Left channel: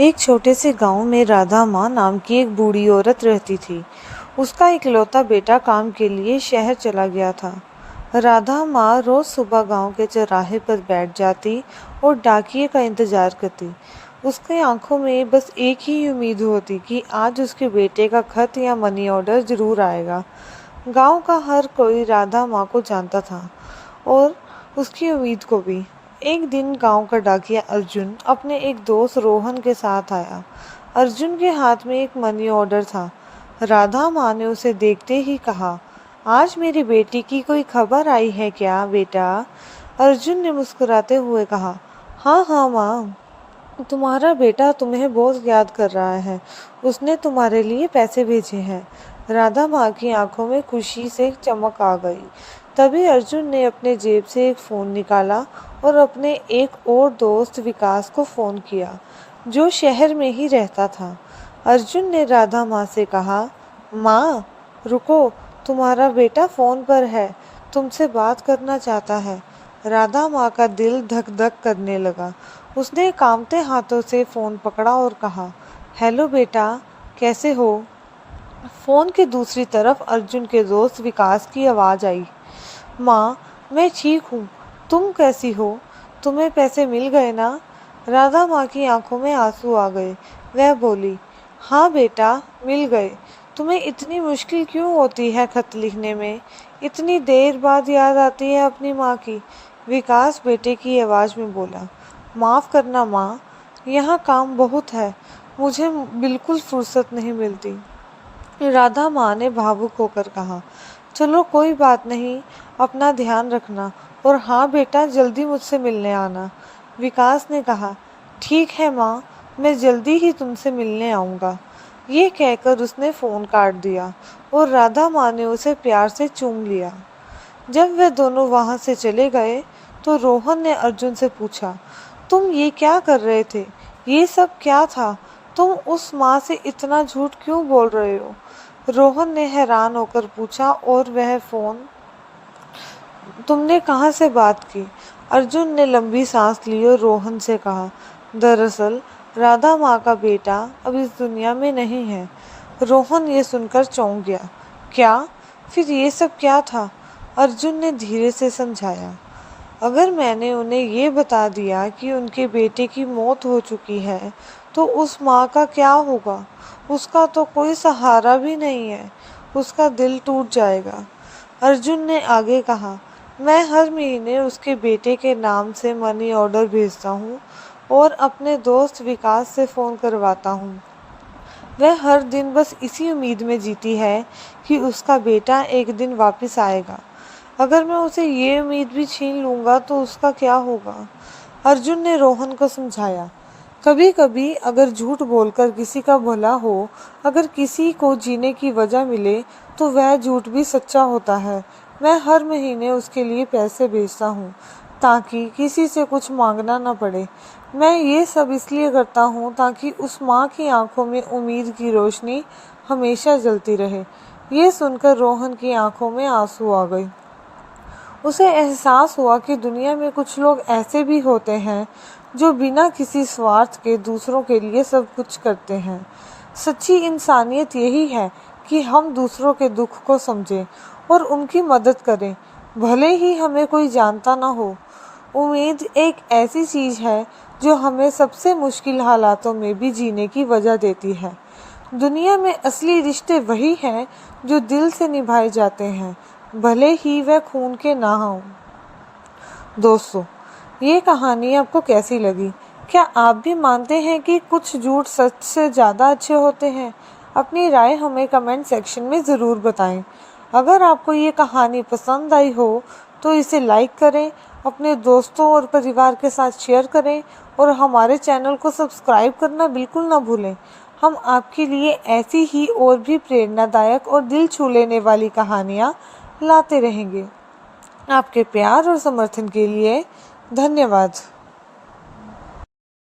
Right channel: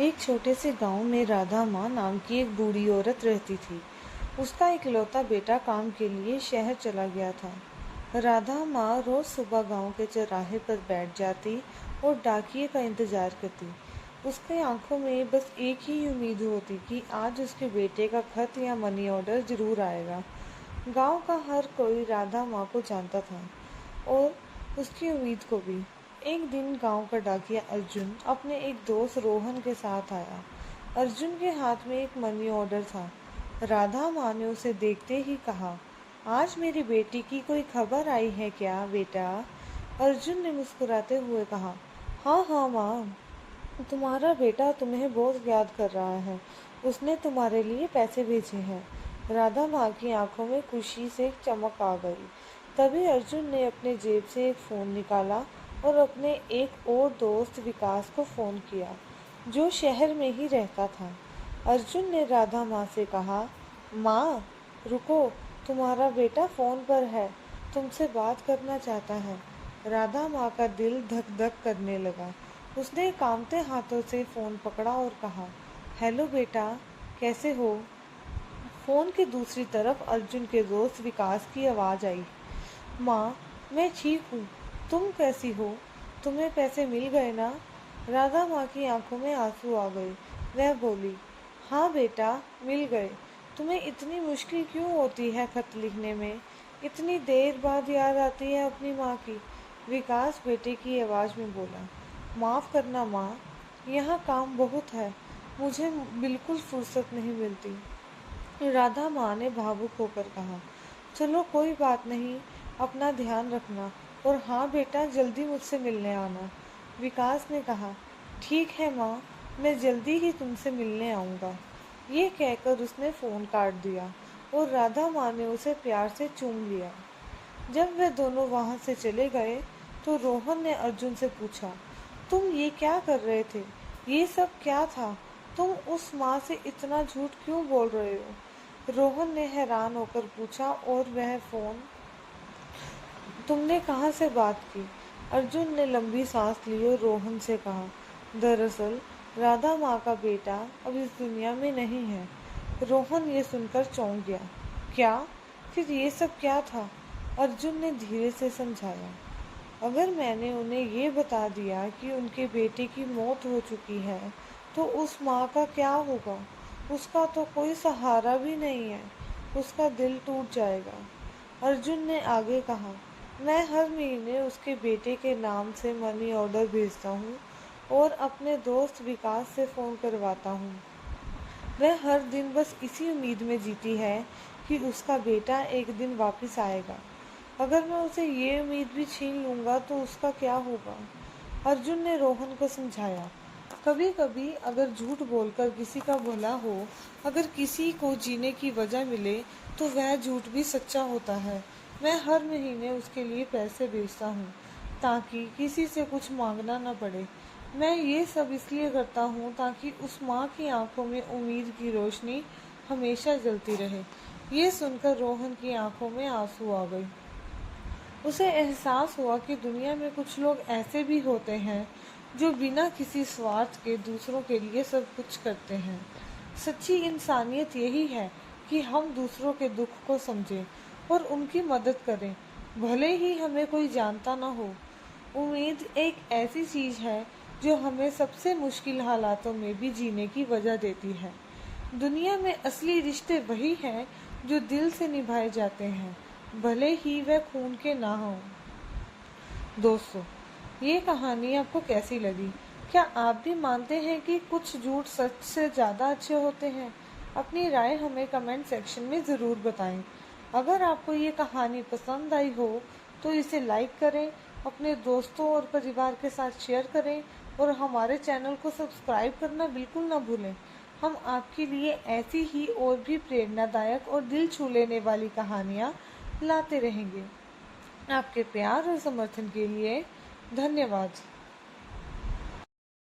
एक छोटे से गांव में राधा माँ नाम की एक बूढ़ी औरत रहती थी। उसका इकलौता बेटा काम के लिए शहर चला गया था। राधा माँ रोज सुबह गांव के चौराहे पर बैठ जाती और डाकिये का इंतजार करती। उसकी आंखों में बस एक ही उम्मीद होती कि आज उसके बेटे का खत या मनी ऑर्डर जरूर आएगा। गांव का हर कोई राधा माँ को जानता था और उसकी उम्मीद को भी। एक दिन गांव का डाकिया अर्जुन अपने एक दोस्त रोहन के साथ आया। अर्जुन के हाथ में एक मनी ऑर्डर था। राधा माँ ने उसे देखते ही कहा, आज मेरी बेटी की कोई खबर आई है क्या बेटा? अर्जुन ने मुस्कुराते हुए कहा, हाँ हाँ माँ, तुम्हारा बेटा तुम्हें बहुत याद कर रहा है। उसने तुम्हारे लिए पैसे भेजे हैं। राधा माँ की आंखों में खुशी से चमक आ गई। तभी अर्जुन ने अपने जेब से एक फ़ोन निकाला और अपने एक और दोस्त विकास को फ़ोन किया, जो शहर में ही रहता था। अर्जुन ने राधा माँ से कहा, माँ रुको, तुम्हारा बेटा फ़ोन पर है, तुमसे बात करना चाहता है। राधा माँ का दिल धक धक करने लगा। उसने कांपते हाथों से फ़ोन पकड़ा और कहा, हेलो बेटा, कैसे हो? फ़ोन की दूसरी तरफ अर्जुन के दोस्त विकास की आवाज़ आई, माँ मैं ठीक हूँ, तुम कैसी हो? तुम्हें पैसे मिल गए ना? राधा माँ की आंखों में आंसू आ गए। वह बोली, हाँ बेटा, मिल गए। तुम्हें इतनी मुश्किल क्यों होती है खत लिखने में? इतनी देर बाद याद आती है अपनी माँ की? विकास बेटे की आवाज़ में बोला, माफ़ करना माँ, यहाँ काम बहुत है, मुझे बिल्कुल फुर्सत नहीं मिलती। राधा माँ ने भावुक होकर कहा, चलो कोई बात नहीं, अपना ध्यान रखना और हाँ बेटा, जल्दी मुझसे मिलने आना। विकास ने कहा, ठीक है माँ, मैं जल्दी ही तुमसे मिलने आऊँगा। ये कहकर उसने फ़ोन काट दिया और राधा माँ ने उसे प्यार से चूम लिया। जब वे दोनों वहाँ से चले गए तो रोहन ने अर्जुन से पूछा, तुम ये क्या कर रहे थे? ये सब क्या था? तुम उस माँ से इतना झूठ क्यों बोल रहे हो? रोहन ने हैरान होकर पूछा, और वह फ़ोन तुमने कहाँ से बात की? अर्जुन ने लंबी सांस ली और रोहन से कहा, दरअसल राधा माँ का बेटा अब इस दुनिया में नहीं है। रोहन ये सुनकर चौंक गया। क्या? फिर ये सब क्या था? अर्जुन ने धीरे से समझाया, अगर मैंने उन्हें ये बता दिया कि उनके बेटे की मौत हो चुकी है, तो उस माँ का क्या होगा? उसका तो कोई सहारा भी नहीं है। उसका दिल टूट जाएगा। अर्जुन ने आगे कहा, मैं हर महीने उसके बेटे के नाम से मनी ऑर्डर भेजता हूँ और अपने दोस्त विकास से फ़ोन करवाता हूँ। वह हर दिन बस इसी उम्मीद में जीती है कि उसका बेटा एक दिन वापस आएगा। अगर मैं उसे ये उम्मीद भी छीन लूँगा तो उसका क्या होगा? अर्जुन ने रोहन को समझाया, कभी कभी अगर झूठ बोलकर किसी का भला हो, अगर किसी को जीने की वजह मिले, तो वह झूठ भी सच्चा होता है। मैं हर महीने उसके लिए पैसे भेजता हूँ ताकि किसी से कुछ मांगना न पड़े। मैं ये सब इसलिए करता हूँ ताकि उस माँ की आंखों में उम्मीद की रोशनी हमेशा जलती रहे। ये सुनकर रोहन की आंखों में आंसू आ गए। उसे एहसास हुआ कि दुनिया में कुछ लोग ऐसे भी होते हैं जो बिना किसी स्वार्थ के दूसरों के लिए सब कुछ करते हैं। सच्ची इंसानियत यही है कि हम दूसरों के दुख को समझें और उनकी मदद करें, भले ही हमें कोई जानता ना हो। उम्मीद एक ऐसी चीज़ है जो हमें सबसे मुश्किल हालातों में भी जीने की वजह देती है। दुनिया में असली रिश्ते वही हैं जो दिल से निभाए जाते हैं, भले ही वह खून के ना हों। दोस्तों, ये कहानी आपको कैसी लगी? क्या आप भी मानते हैं कि कुछ झूठ सच से ज़्यादा अच्छे होते हैं? अपनी राय हमें कमेंट सेक्शन में ज़रूर बताएं। अगर आपको ये कहानी पसंद आई हो तो इसे लाइक करें, अपने दोस्तों और परिवार के साथ शेयर करें और हमारे चैनल को सब्सक्राइब करना बिल्कुल ना भूलें। हम आपके लिए ऐसी ही और भी प्रेरणादायक और दिल छू लेने वाली कहानियाँ लाते रहेंगे। आपके प्यार और समर्थन के लिए धन्यवाद।